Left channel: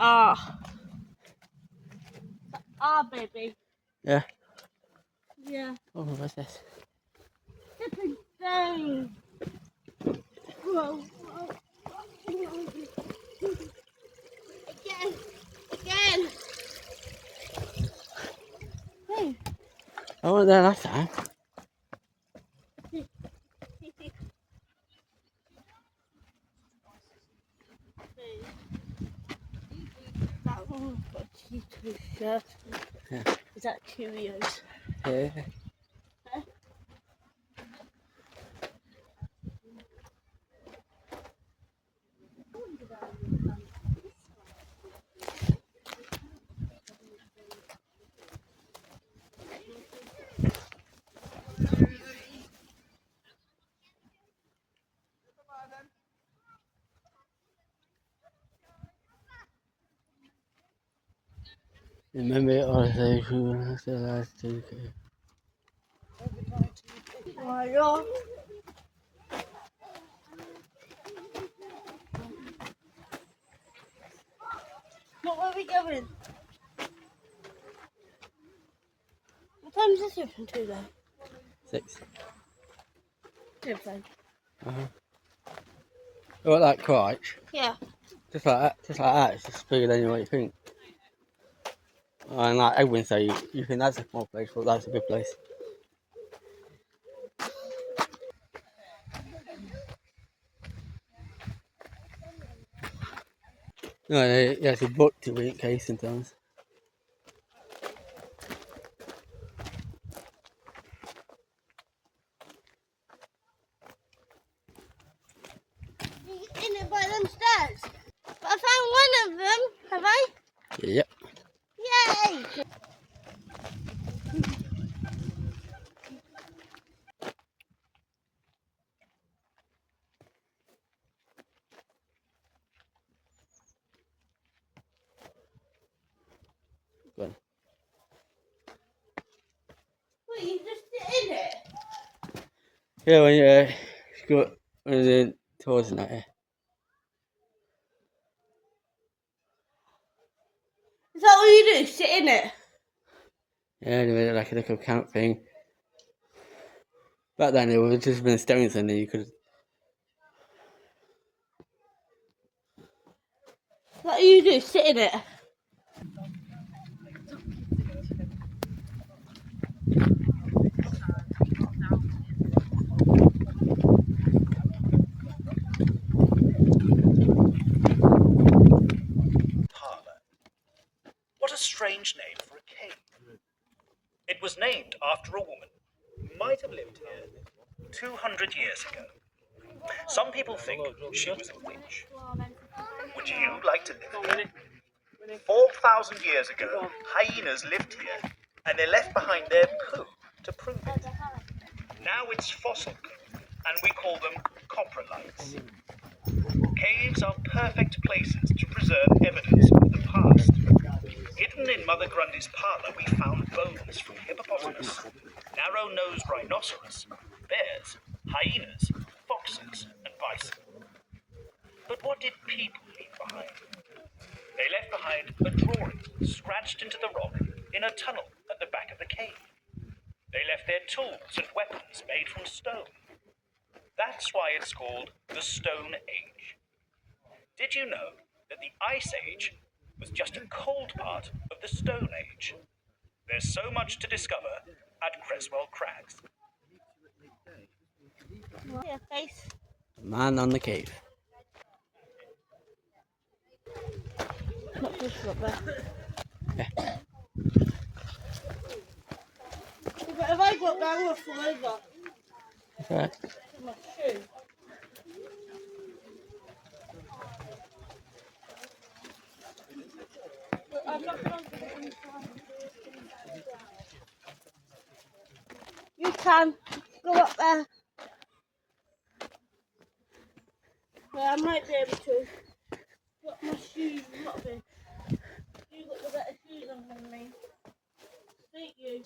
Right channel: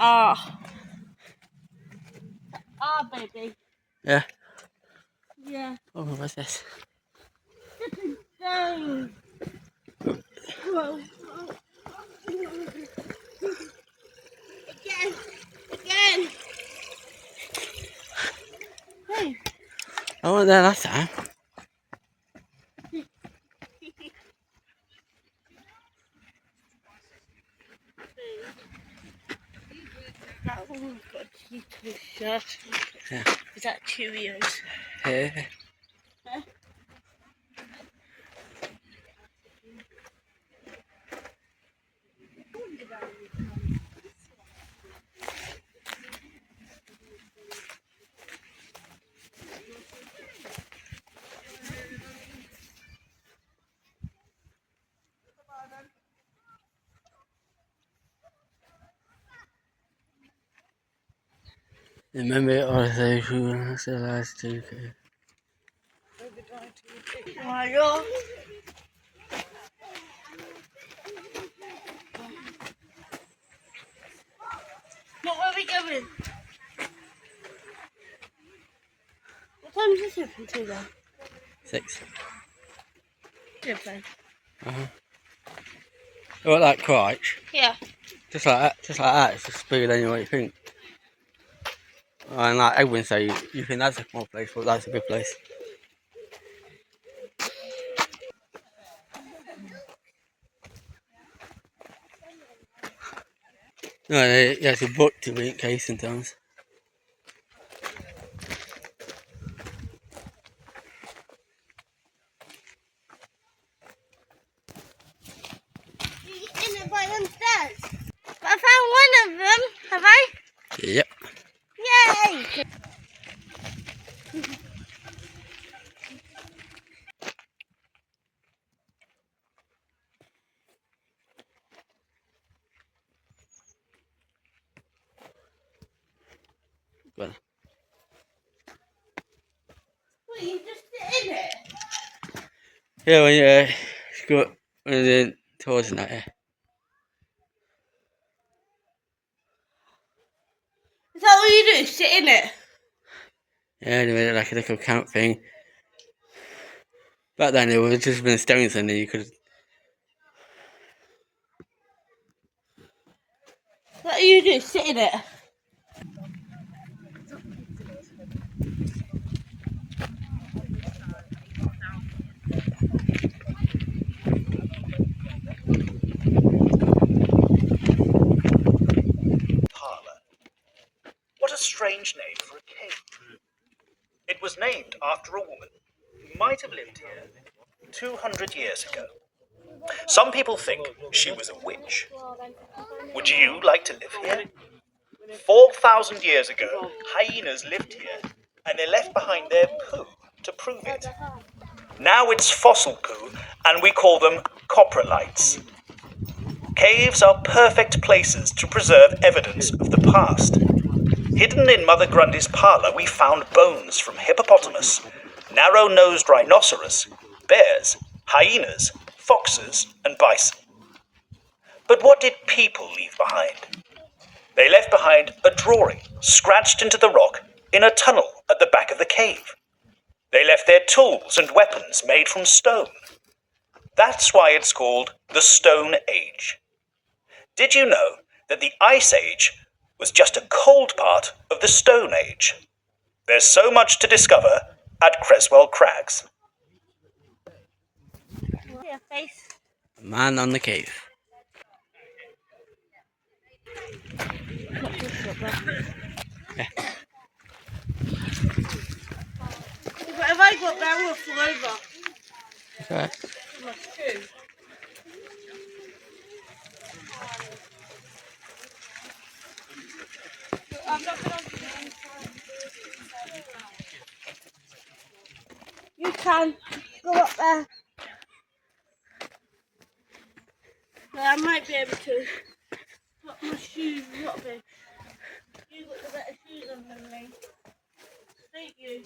Ah. Baby. Yeah. Yeah. Oh, what's this? It's insane. Whoa. Again. Hey. I wasn't there last time. Yeah. Yeah. Is that Cheerios? Yeah. Huh? Remember all those who civilized to. My God. What were we going? What time is this open to then? 6. Different. What, like crotch? Yeah. Just like that. It's just bigger than what you think. And like Edwin say, you think that's a small place, but that's a big place. No, it's a book to read in case sometimes. You're in it by them stairs. I found one of them. Have I? Yep. Yay! Well, Well, you just sit in it. yeah, when you go when you're in tours and that, yeah. Is that what you do? Sit in it? Yeah, they made it like a little camp thing. Back then, it would have just been stones, and then you could. Is that what you do? Sit in it? Parlour. What a strange name for a cave. It was named after a woman who might have lived here 200 years ago. Some people think she was a witch. Would you like to live here? 4,000 years ago, hyenas lived here, and they left behind their poo to prove it. Now it's fossil poo, and we call them coprolites. Caves are perfect places to preserve evidence of the past. Hidden in Mother Grundy's parlour, we found bones from hippopotamus, narrow-nosed rhinoceros, bears, hyenas, foxes, and bison. But what did people leave behind? They left behind a drawing scratched into the rock in a tunnel at the back of the cave. They left their tools and weapons made from stone. That's why it's called the Stone Age. Did you know that the Ice Age was just a cold part of the Stone Age? There's so much to discover at Creswell Crags. Your face. Man on the cave. Not just up there. Yeah. But if I got there, we'll fall over. That's alright. My shoe. I'm not going to get inside. You can go up there. Yeah, I might be able to. But my shoes are not big. You got the better shoes on than me. Thank you.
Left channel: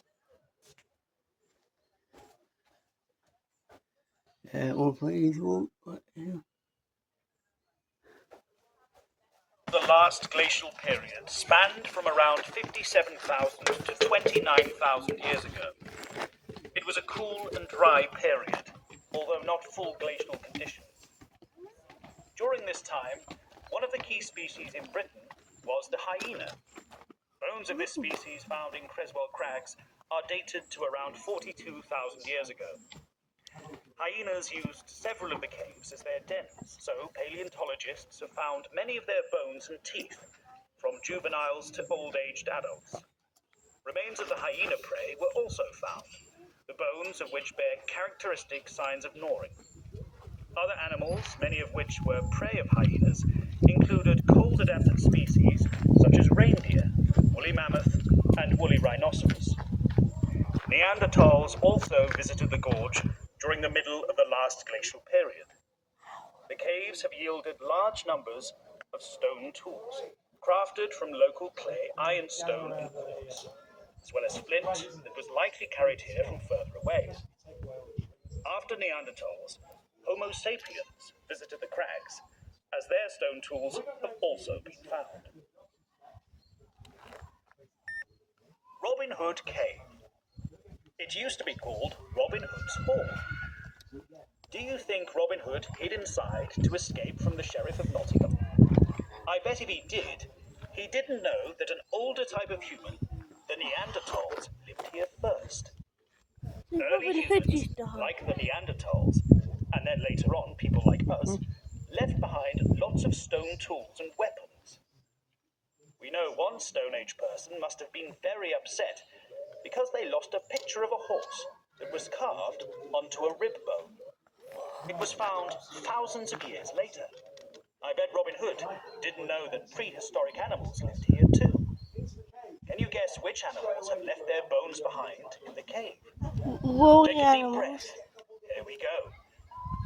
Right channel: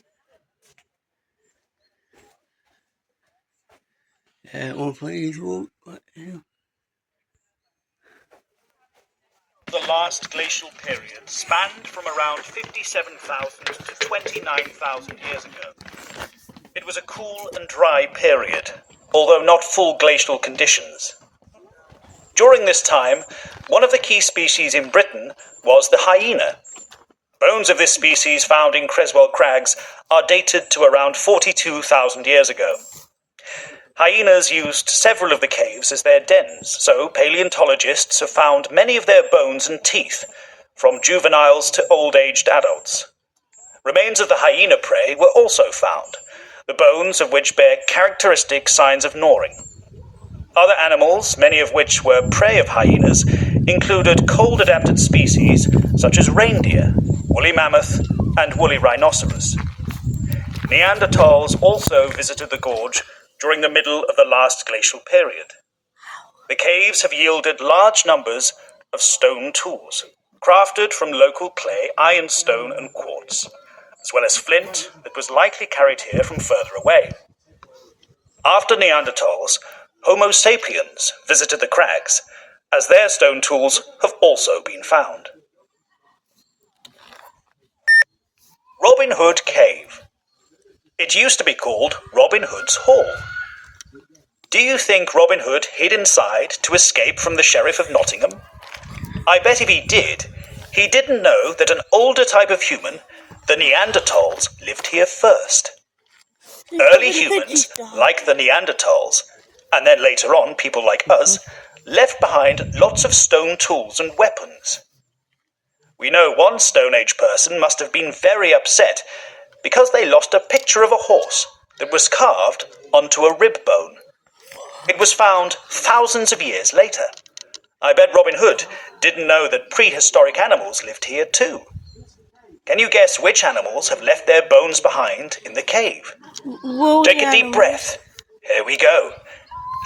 Yeah, 1 point each walk. What the hell? The last glacial period spanned from around 57,000 to 29,000 years ago. It was a cool and dry period, although not full glacial conditions. During this time, one of the key species in Britain was the hyena. Bones of this species found in Creswell Crags are dated to around 42,000 years ago. Hyenas used several of the caves as their dens, so paleontologists have found many of their bones and teeth, from juveniles to old-aged adults. Remains of the hyena prey were also found, the bones of which bear characteristic signs of gnawing. Other animals, many of which were prey of hyenas, included cold-adapted species such as reindeer, woolly mammoth, and woolly rhinoceros. Neanderthals also visited the gorge during the middle of the last glacial period. The caves have yielded large numbers of stone tools, crafted from local clay, ironstone, and quartz, as well as flint that was likely carried here from further away. After Neanderthals, Homo sapiens visited the crags, as their stone tools have also been found. Robin Hood Cave. It used to be called Robin Hood's Hall. Do you think Robin Hood hid inside to escape from the Sheriff of Nottingham? I bet if he did, he didn't know that an older type of human, the Neanderthals, lived here first. Early humans, like the Neanderthals, and then later on people like us, left behind lots of stone tools and weapons. We know one Stone Age person must have been very upset because they lost a picture of a horse that was carved onto a rib bone. It was found thousands of years later. I bet Robin Hood didn't know that prehistoric animals lived here too. Can you guess which animals have left their bones behind in the cave? Take a deep breath. Here we go.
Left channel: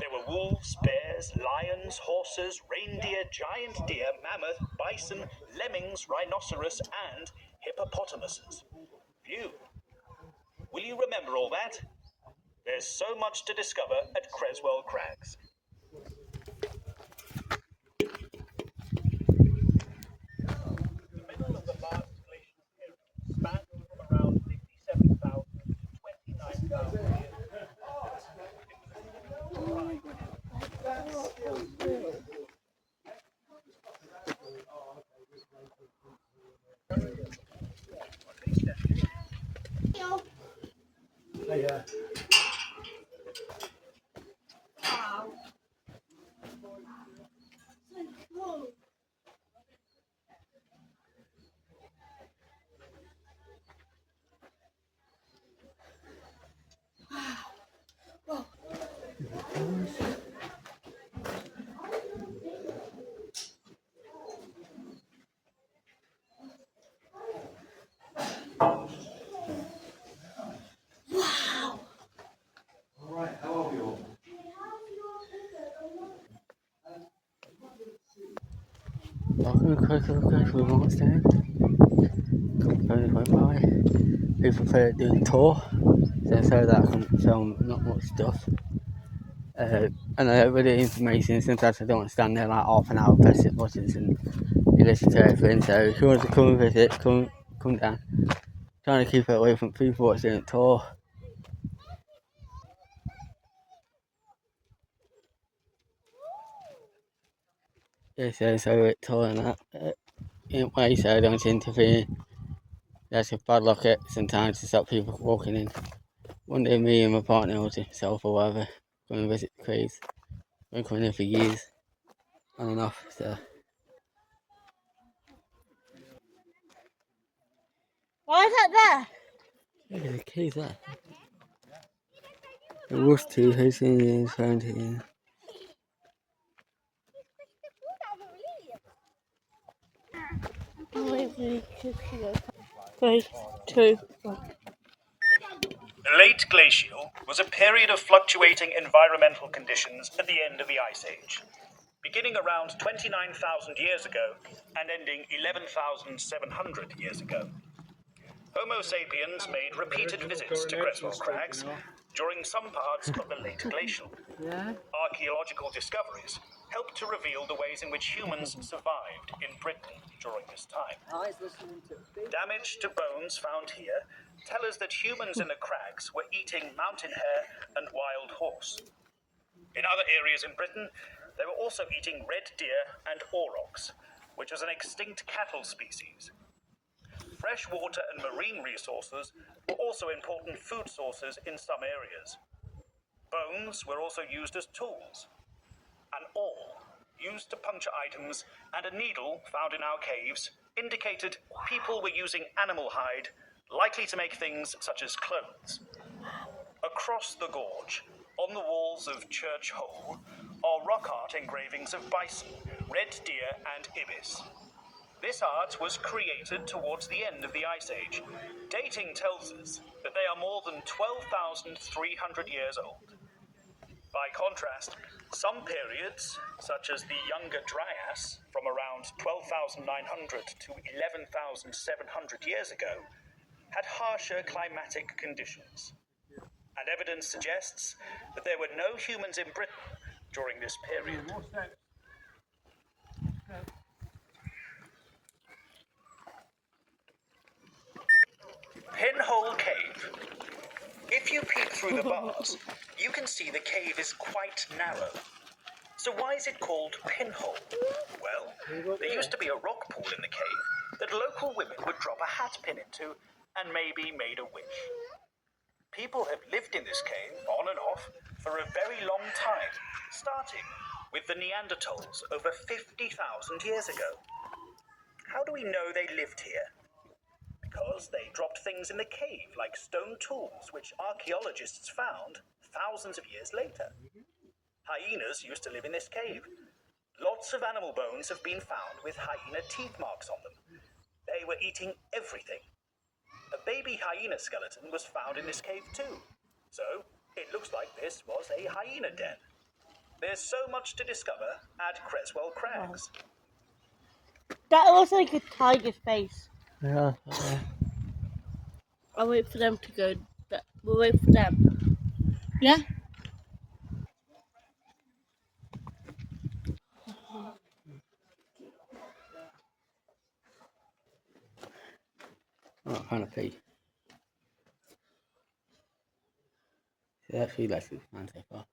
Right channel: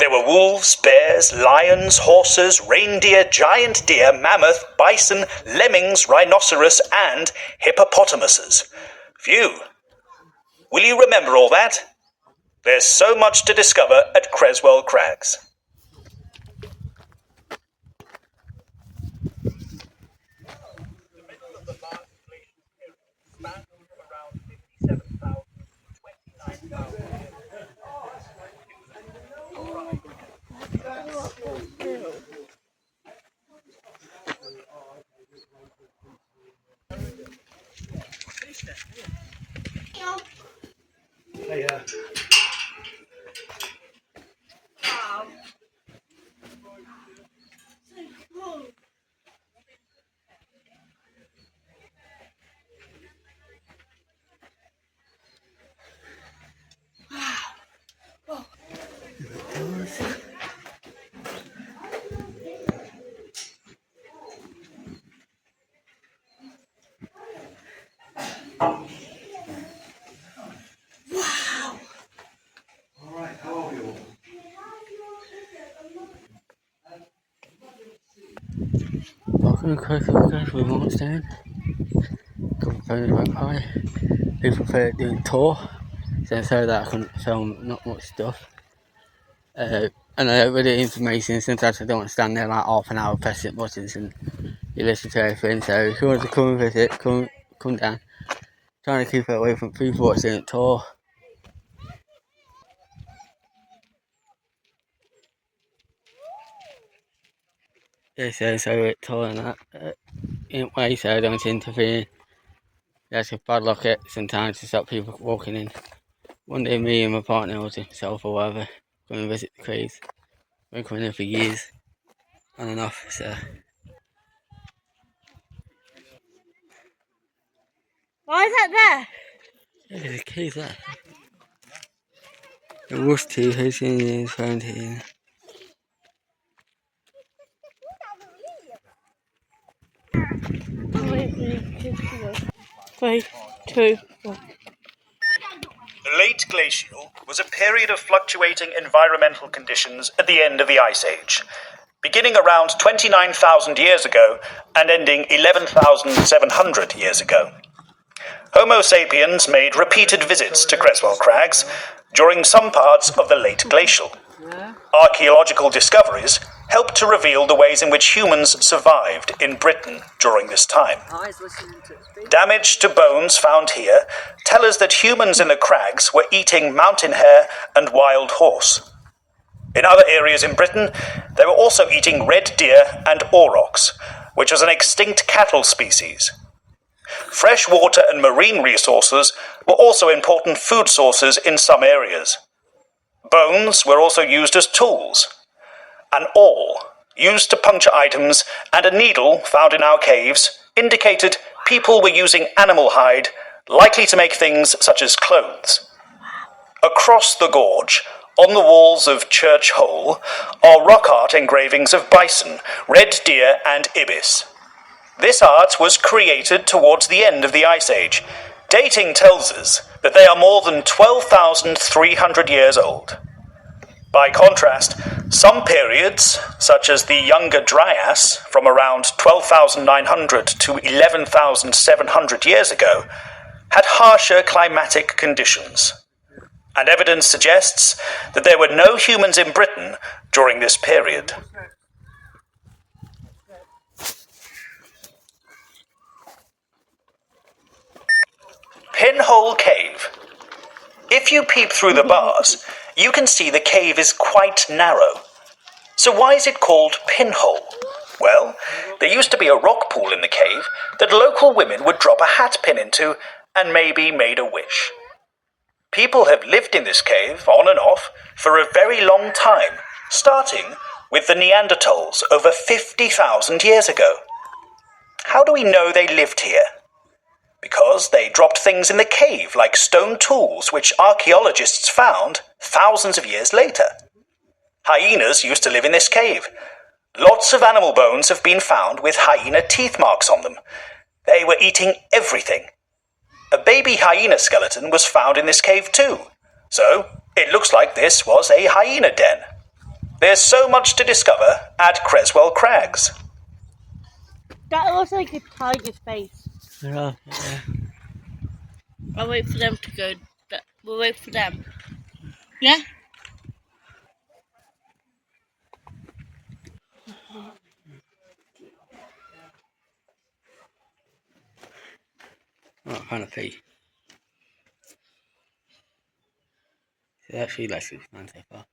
There were wolves, bears, lions, horses, reindeer, giant deer, mammoth, bison, lemmings, rhinoceros, and hippopotamuses. Phew. Will you remember all that? There's so much to discover at Creswell Crags. Welcome to Creswell Crags with Markstown. Couple of phones went by. People prefer doing a tour, so that I can film not much stuff. And I don't really information, sometimes I don't want to stand there like half an hour pressing buttons and you listen to everything. So if you want to come and visit, come down. Trying to keep it away from people watching a tour. Yeah, so it's tour and that. In a way, so I don't interfere. That's a bad luck it sometimes to stop people walking in. One day me and my partner or himself or whatever going to visit the craves. Been coming in for years on and off, so. Why is that there? Yeah, there's a cave there. The worst tea has been found here. Wait, 2, 1. The late glacial was a period of fluctuating environmental conditions at the end of the Ice Age, beginning around 29,000 years ago and ending 11,700 years ago. Homo sapiens made repeated visits to Creswell Crags during some parts of the late glacial. Archaeological discoveries help to reveal the ways in which humans survived in Britain during this time. Damage to bones found here tell us that humans in the crags were eating mountain hare and wild horse. In other areas in Britain, they were also eating red deer and aurochs, which was an extinct cattle species. Fresh water and marine resources were also important food sources in some areas. Bones were also used as tools. An awl, used to puncture items, and a needle found in our caves indicated people were using animal hide, likely to make things such as clothes. Across the gorge, on the walls of Church Hole, are rock art engravings of bison, red deer, and ibis. This art was created towards the end of the Ice Age. Dating tells us that they are more than 12,300 years old. By contrast, some periods, such as the Younger Dryas, from around 12,900 to 11,700 years ago, had harsher climatic conditions. And evidence suggests that there were no humans in Britain during this period. Pinhole Cave. If you peep through the bars, you can see the cave is quite narrow. So why is it called Pinhole? Well, there used to be a rock pool in the cave that local women would drop a hat pin into and maybe made a wish. People have lived in this cave, on and off, for a very long time, starting with the Neanderthals over 50,000 years ago. How do we know they lived here? Because they dropped things in the cave, like stone tools, which archaeologists found thousands of years later. Hyenas used to live in this cave. Lots of animal bones have been found with hyena teeth marks on them. They were eating everything. A baby hyena skeleton was found in this cave too, so it looks like this was a hyena den. There's so much to discover at Creswell Crags. That looks like a tiger's face. Yeah. I'll wait for them to go. We'll wait for them. Yeah? Oh, kind of pee. So actually, that's fine so far.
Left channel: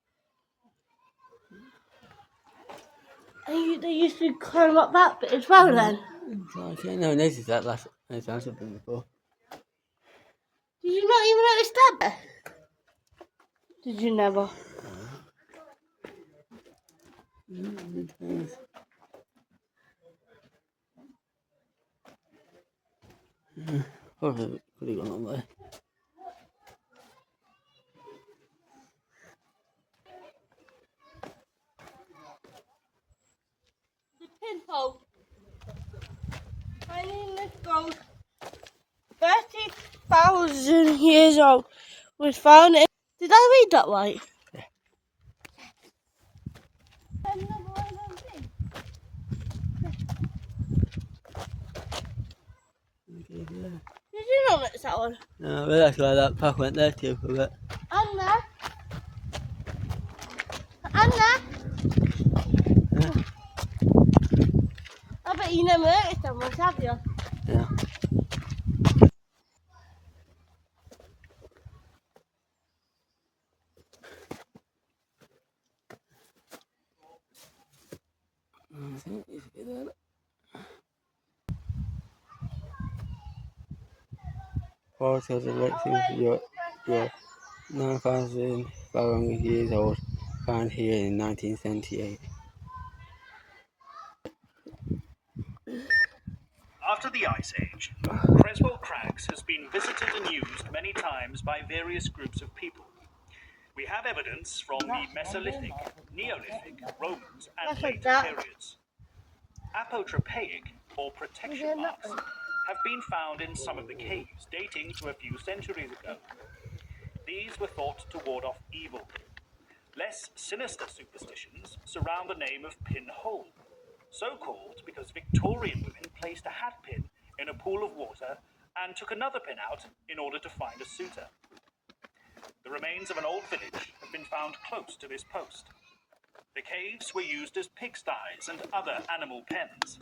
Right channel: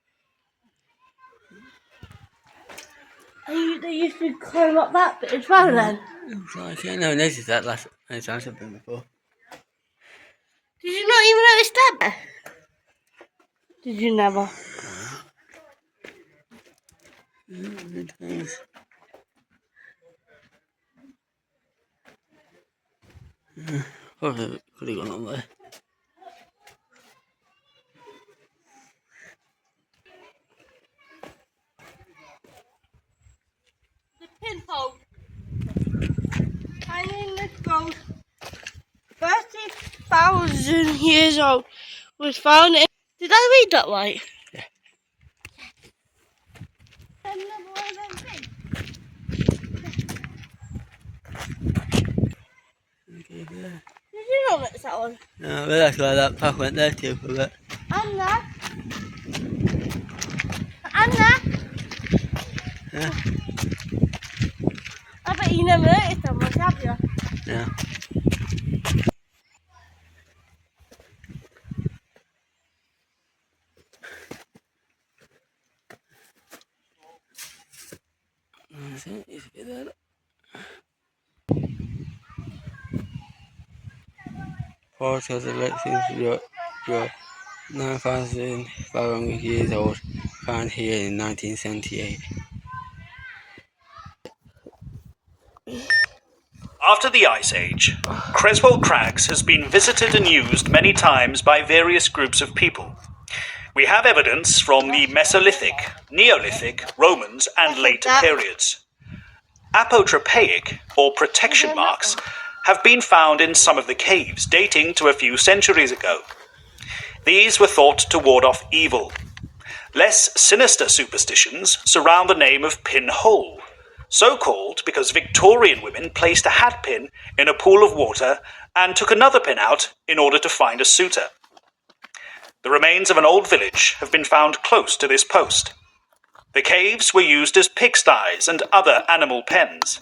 They used to climb up that bit as well then? Looks like, yeah, no, noticed that last time I've been before. Did you not even notice that? Did you never? Probably could have gone on there. The pinhole. I mean, let's go. 30,000 years old was found in. Did I read that right? Yeah. Okay, yeah. Did you not notice that one? No, but that's why that path went there too for a bit. Anna? Anna? Yeah. I bet you never noticed that one, have you? Yeah. That's it, it's a bit there. Part of the lake seems to be 9,500 years old, found here in 1978. After the Ice Age, Creswell Crags has been visited and used many times by various groups of people. We have evidence from the Mesolithic, Neolithic, Romans, and later periods. Apotropaic, or protection marks, have been found in some of the caves dating to a few centuries ago. These were thought to ward off evil. Less sinister superstitions surround the name of Pinhole, so called because Victorian women placed a hat pin in a pool of water and took another pin out in order to find a suitor. The remains of an old village have been found close to this post. The caves were used as pigsties and other animal pens,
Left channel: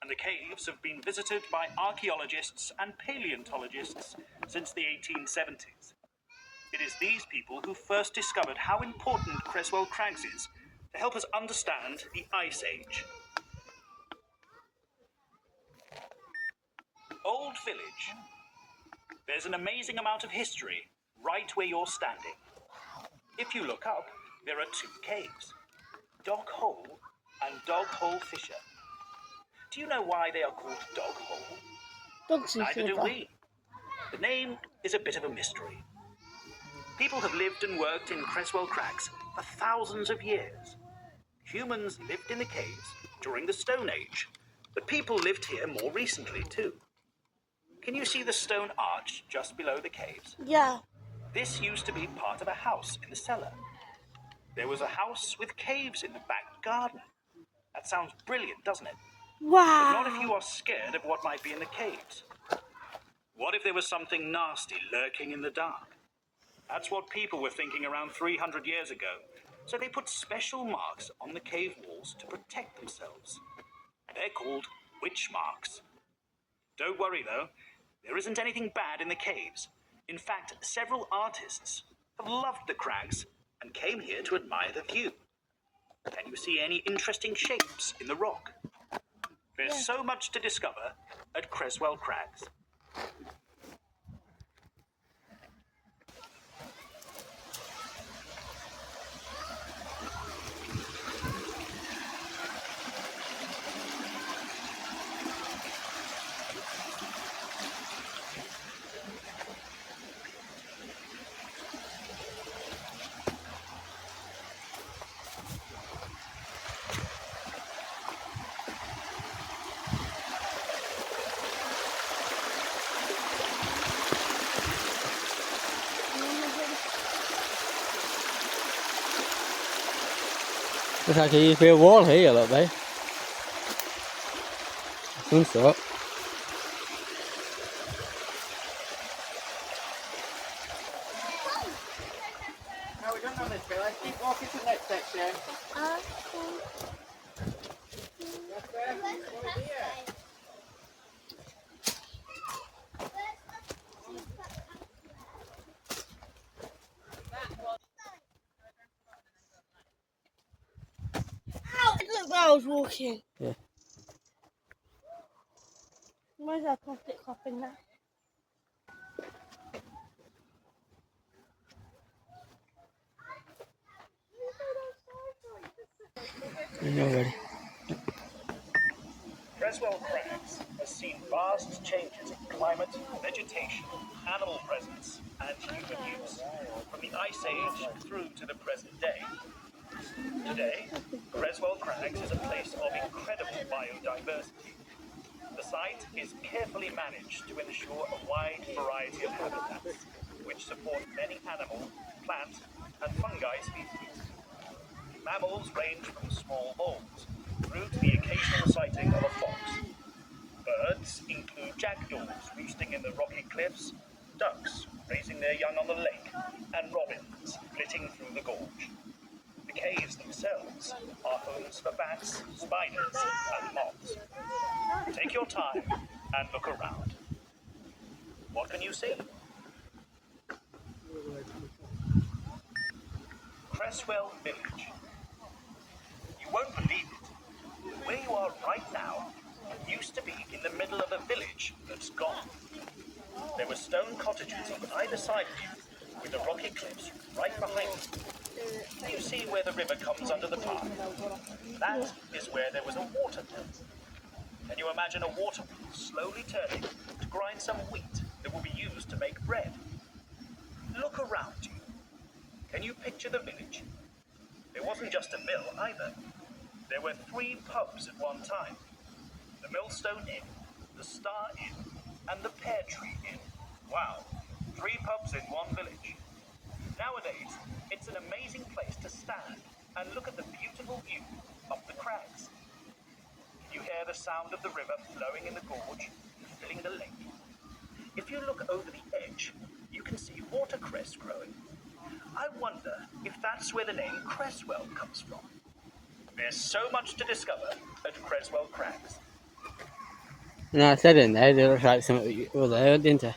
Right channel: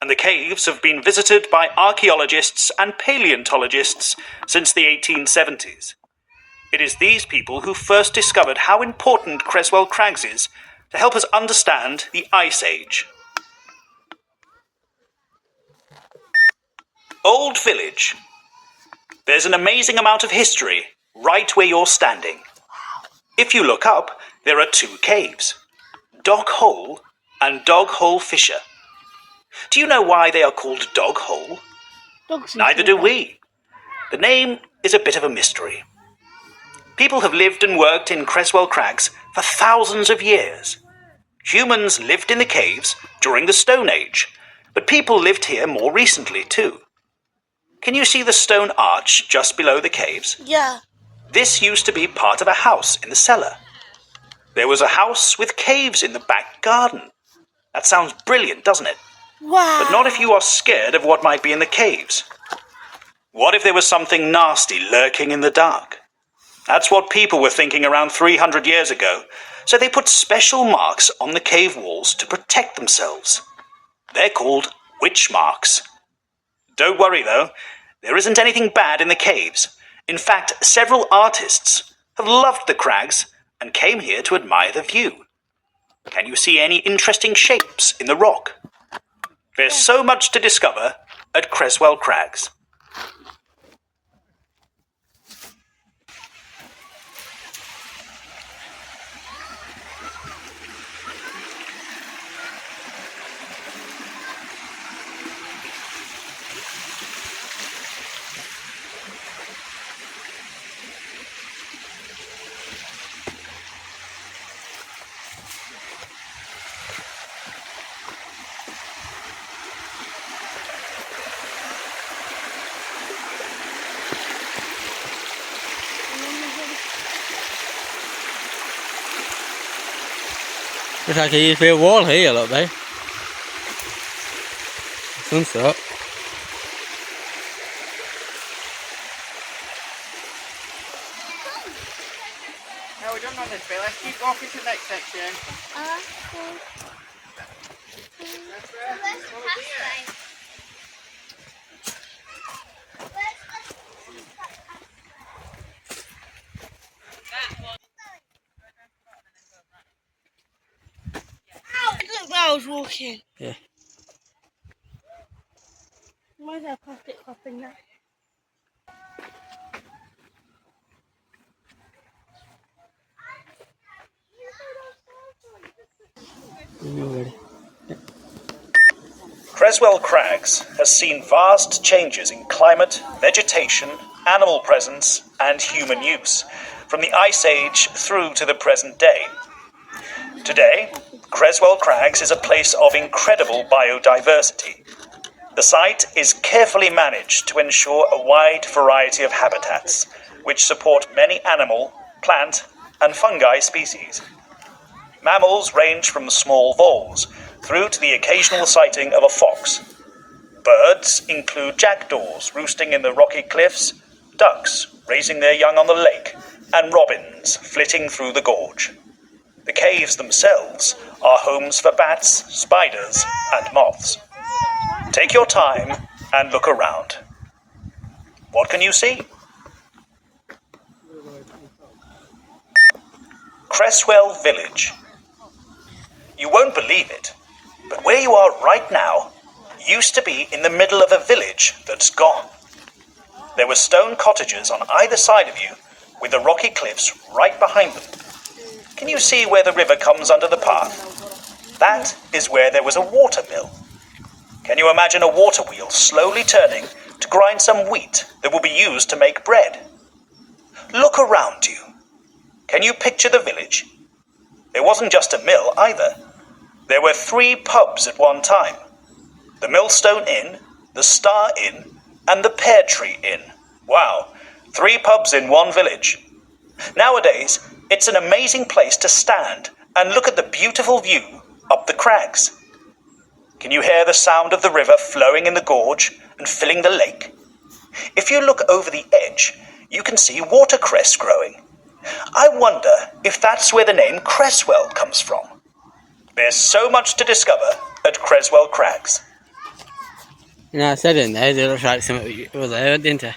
and the caves have been visited by archaeologists and paleontologists since the 1870s. It is these people who first discovered how important Creswell Crags is to help us understand the Ice Age. Old Village. There's an amazing amount of history right where you're standing. If you look up, there are two caves, Dog Hole and Dog Hole Fissure. Do you know why they are called Dog Hole? Neither do we. The name is a bit of a mystery. People have lived and worked in Creswell Crags for thousands of years. Humans lived in the caves during the Stone Age, but people lived here more recently too. Can you see the stone arch just below the caves? Yeah. This used to be part of a house in the cellar. There was a house with caves in the back garden. That sounds brilliant, doesn't it? Wow. But not if you are scared of what might be in the caves. What if there was something nasty lurking in the dark? That's what people were thinking around 300 years ago, so they put special marks on the cave walls to protect themselves. They're called witch marks. Don't worry though, there isn't anything bad in the caves. In fact, several artists have loved the crags and came here to admire the view. Can you see any interesting shapes in the rock? There's so much to discover at Creswell Crags. Looks like a used to be a wall here, look, babe. Some sort. No, we don't know this bit. Let's keep walking to the next section. That's where we're here. Look where I was walking. Yeah. Why is there a plastic cup in there? You're ready. Creswell Crags has seen vast changes in climate, vegetation, animal presence, and human use, from the Ice Age through to the present day. Today, Creswell Crags is a place of incredible biodiversity. The site is carefully managed to ensure a wide variety of habitats, which support many animal, plant, and fungi species. Mammals range from small voles through to the occasional sighting of a fox. Birds include jackdaws roosting in the rocky cliffs, ducks raising their young on the lake, and robins flitting through the gorge. The caves themselves are homes for bats, spiders, and moths. Take your time and look around. What can you see? Creswell Village. You won't believe it, but where you are right now used to be in the middle of a village that's gone. There were stone cottages on either side of you, with the rocky cliffs right behind them. Can you see where the river comes under the path? That is where there was a water mill. Can you imagine a water wheel slowly turning to grind some wheat that will be used to make bread? Look around you. Can you picture the village? There wasn't just a mill either. There were 3 pubs at one time. The Millstone Inn, the Star Inn, and the Pear Tree Inn. Wow, 3 pubs in one village. Nowadays, it's an amazing place to stand and look at the beautiful view up the crags. Can you hear the sound of the river flowing in the gorge and filling the lake? If you look over the edge, you can see watercress growing. I wonder if that's where the name Creswell comes from. There's so much to discover at Creswell Crags. You know, I said in there, it looks like something was there, didn't it?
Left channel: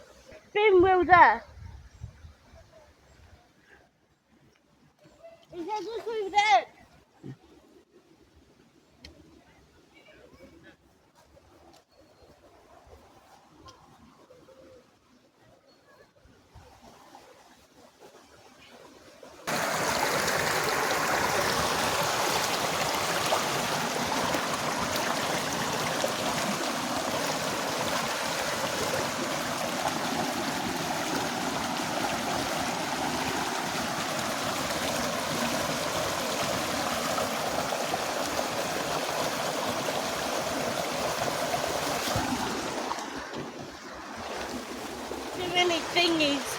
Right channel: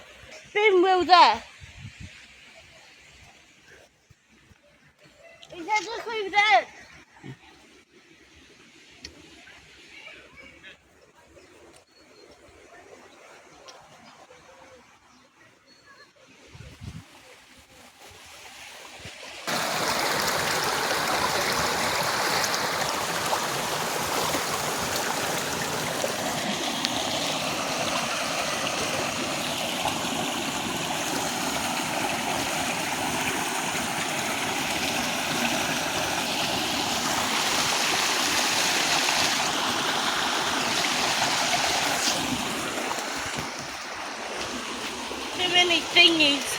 Bin wheel there. He said look over there. Too many thingies.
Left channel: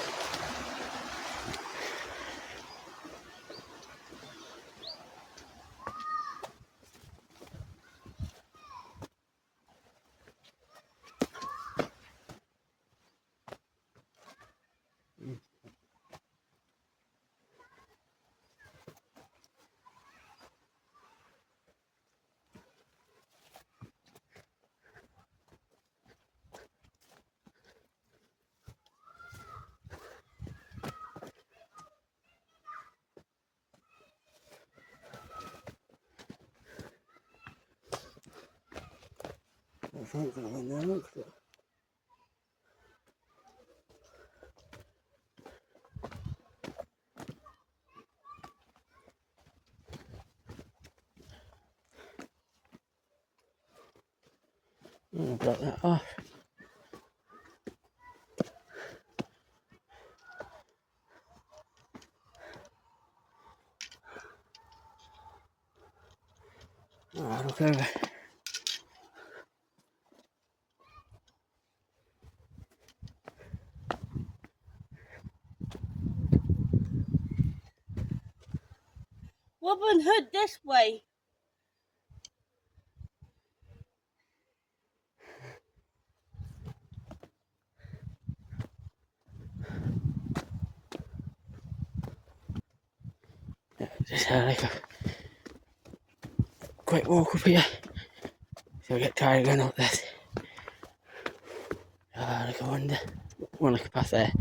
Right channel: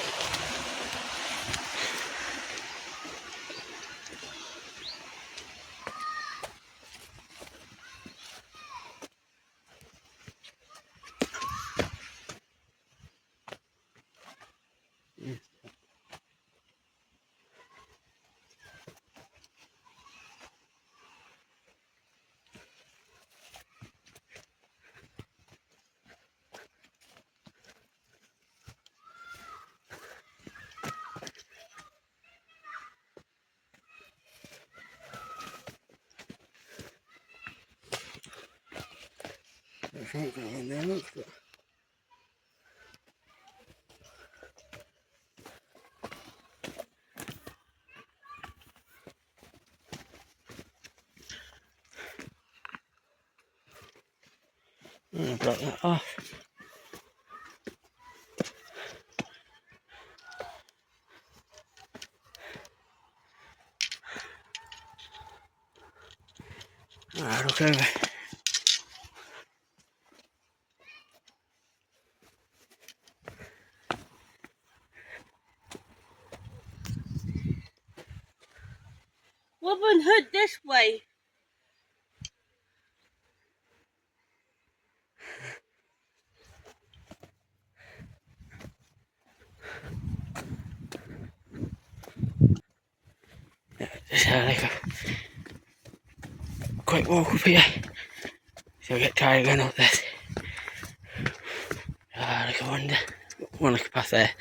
I think I'm in there, look. I block that off. Alright, look over. Robin Hood this way. Just had like a quick walk up here. So I get tired going up this. Like I wonder. One look past there.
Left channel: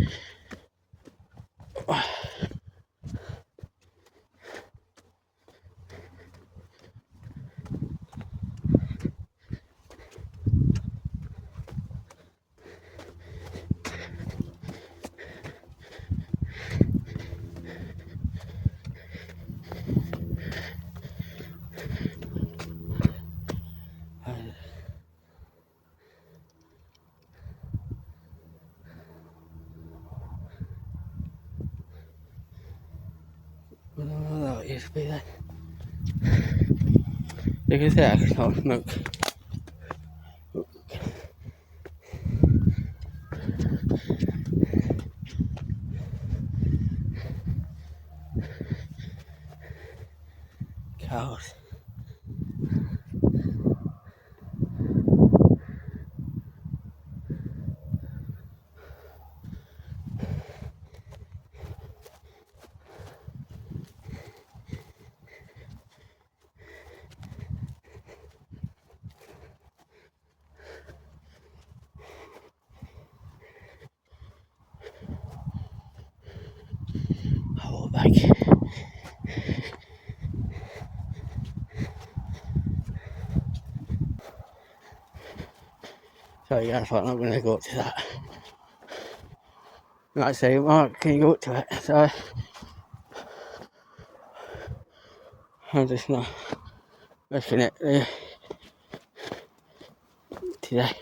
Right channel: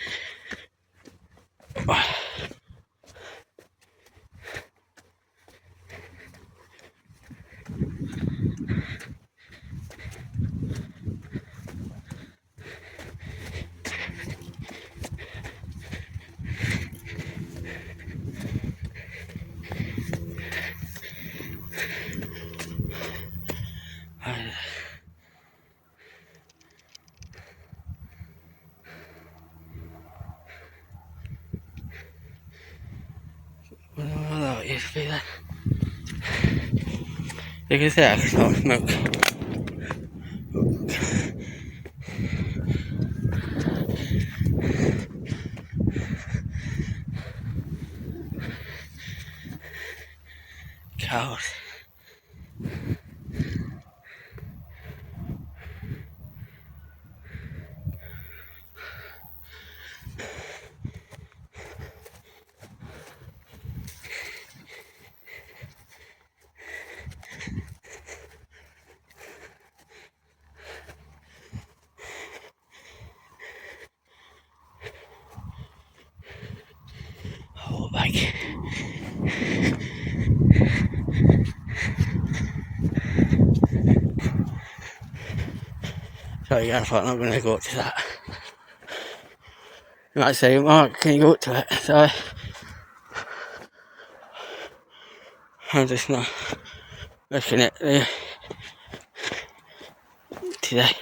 Well, that used to be there. You can see I can smell smoke. Cows. Oh, like. So yeah, I thought I'm not going to go up to that. You might say, Mark, can you go up to it? So I'm just not looking at it today.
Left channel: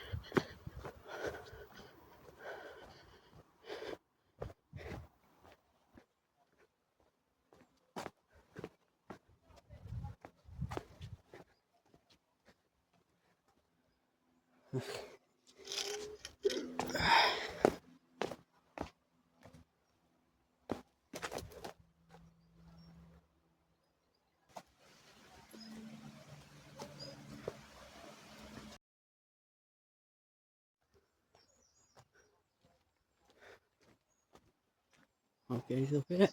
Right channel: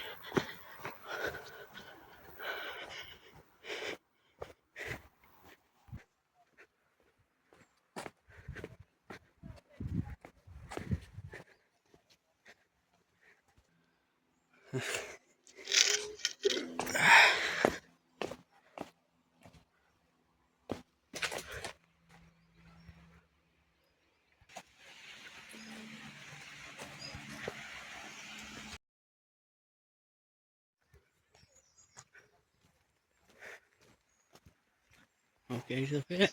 Okay, he's up here.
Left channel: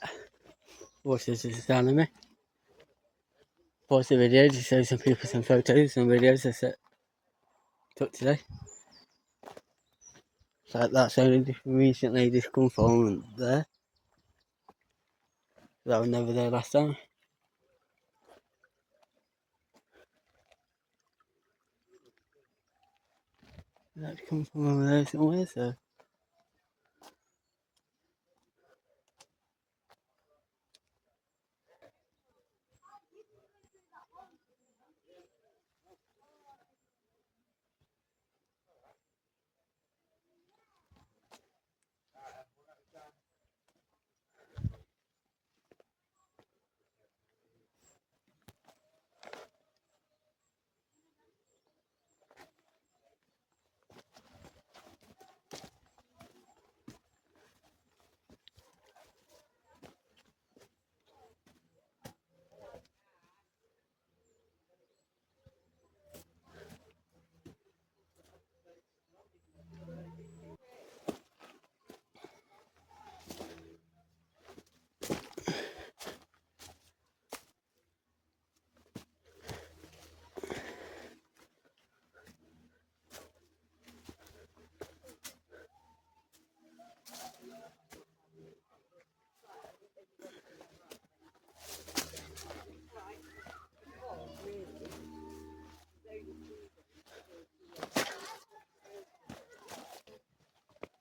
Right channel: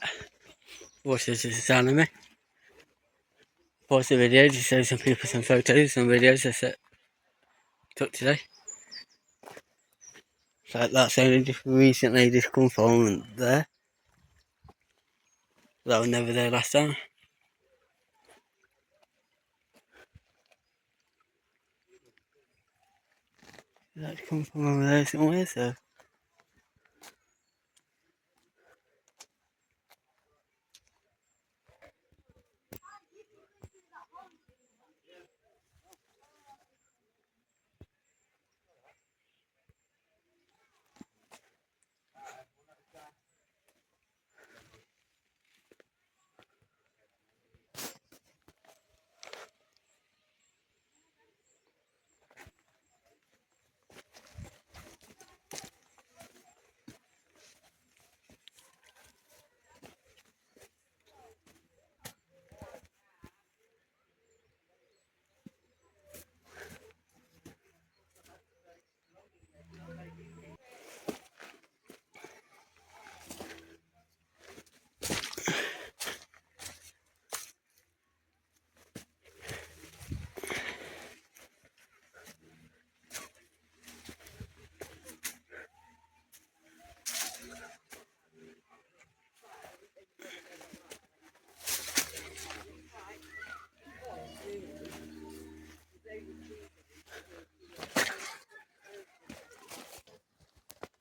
Watch this is the sound of me. Pause the video to show some people some photos, some videos I took today. So that's only just recently just come from there. That was never there last time. That's come from over there somewhere, so.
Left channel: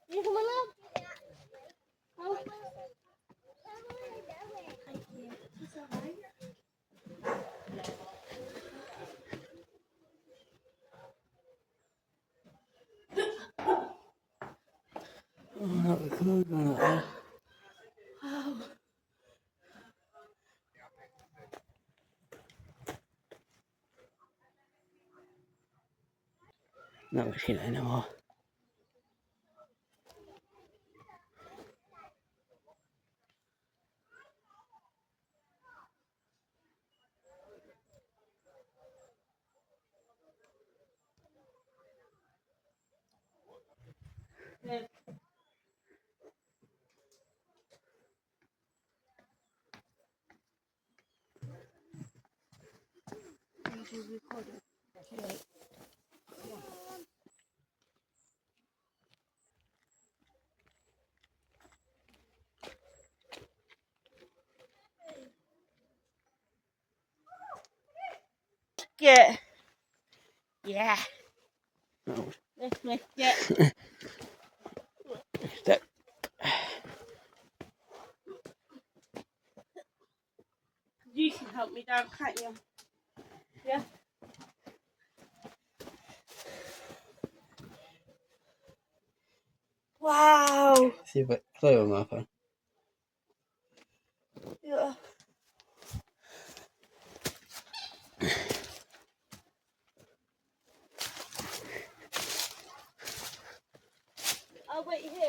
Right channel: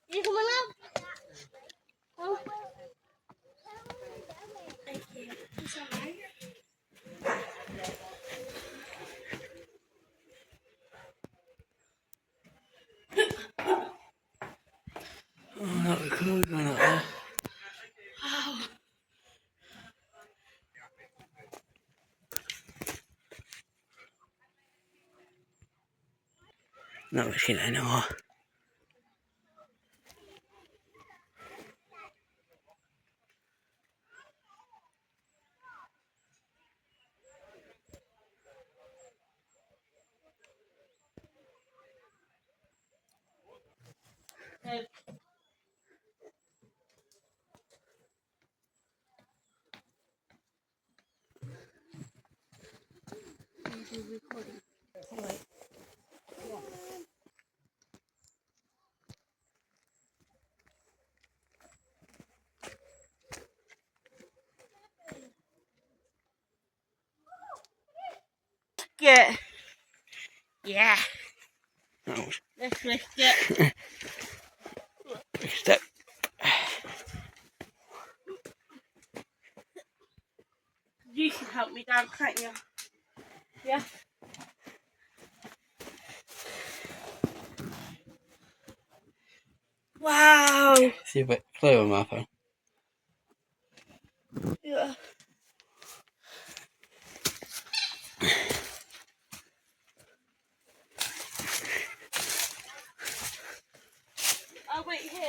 You coming up? Oh. Thank you. It's alright. Oh, that was cool going up there. Wow. Not much in it anymore. Yeah. Yeah. That was Let's risk it. a big step. You can help me down, can't you? Yeah. Wow. See a bit clearer on my phone. Yeah. I'll wait here.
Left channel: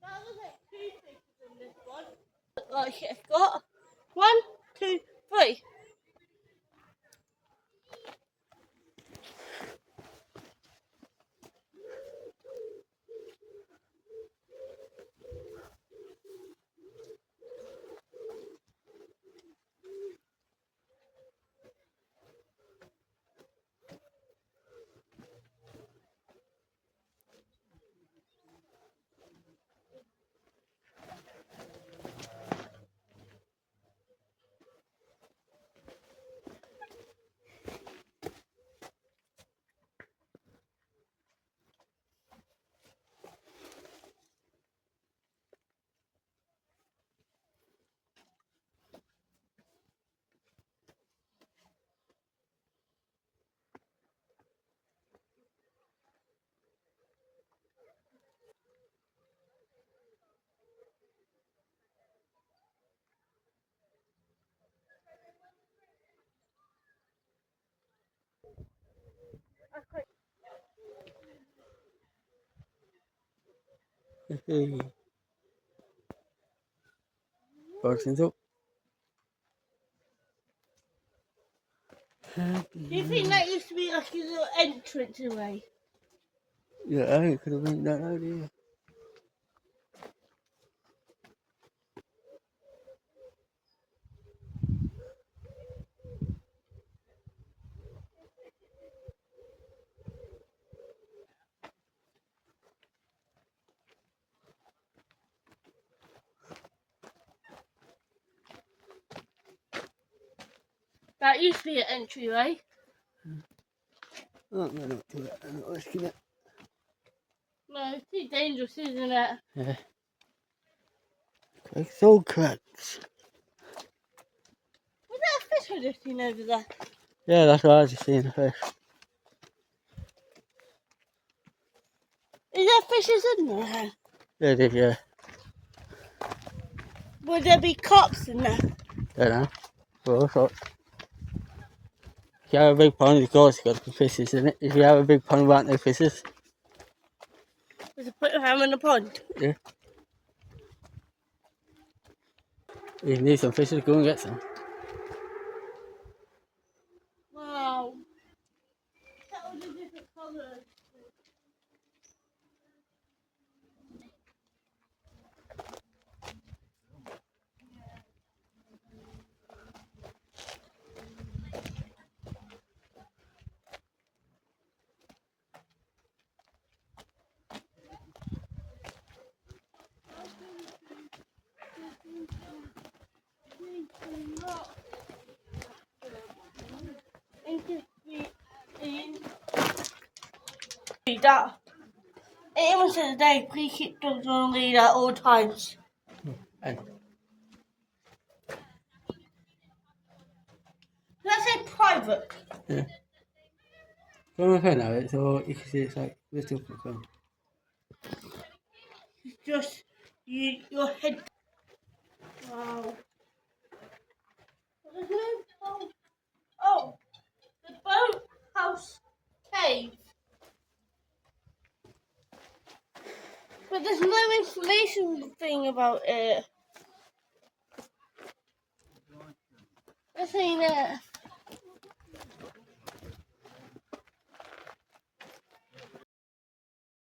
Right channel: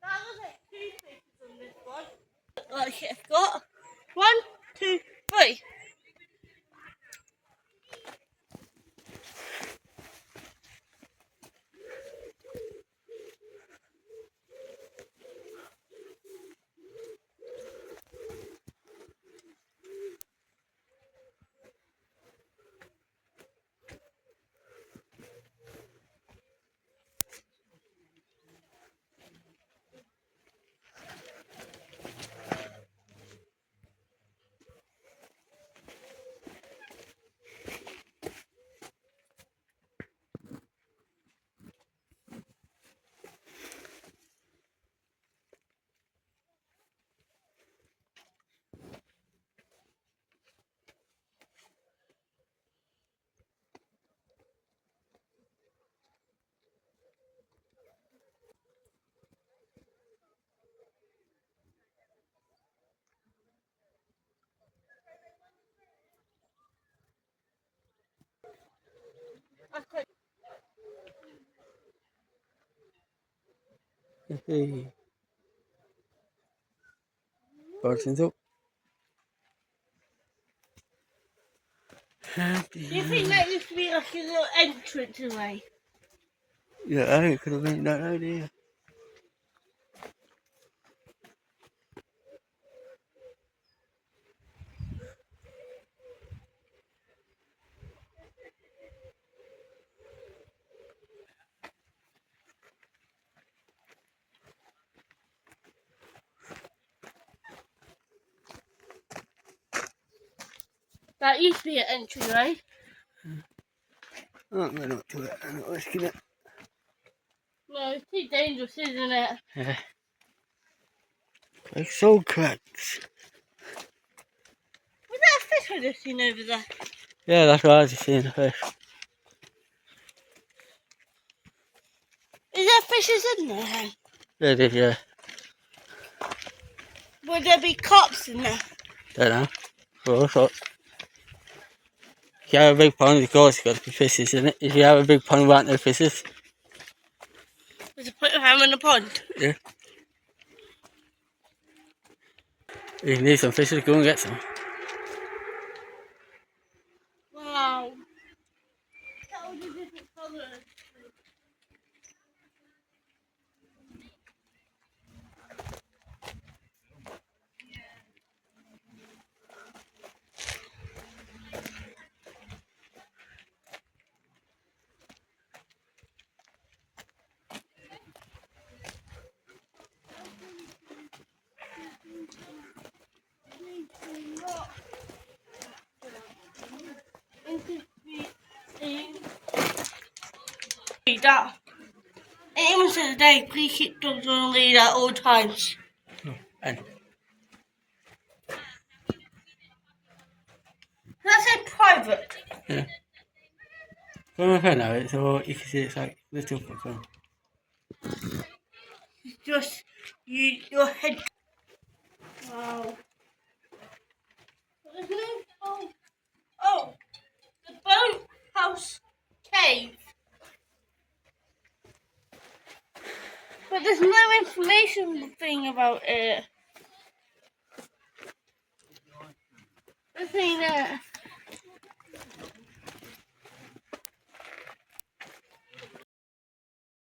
That was like 2 faces on this one. Like it's got 1, 2, 3. Hey. Barton's up. Do you think that used to be like a little entrance away? Yeah, I think it could have been that idea. That used to be an entryway. I'm going up to it. I'm not risking it. No, it's too dangerous, isn't it? Yeah. Creswell Crags. Was that a fish I just seen over there? Yeah, that's what I was just seeing the fish. Is there fishes in there? Hen? Yeah, it is, yeah. Will there be cops in there? Don't know. For all sorts. If you have a big pond, of course, there's got to be fishes in it. If you have a big pond without no fishes, There's a put of ham in the pond. yeah. If you need some fishes, go and get some. Wow. That all the different colours. That. It even says today, please keep dogs on a lead at all times. And Let's say private. yeah. Go on my phone now, so you can see it's like little phone. It's just your head. Wow. There's no boat. Oh, the boathouse cave. But there's no information thing about it. Let's see that.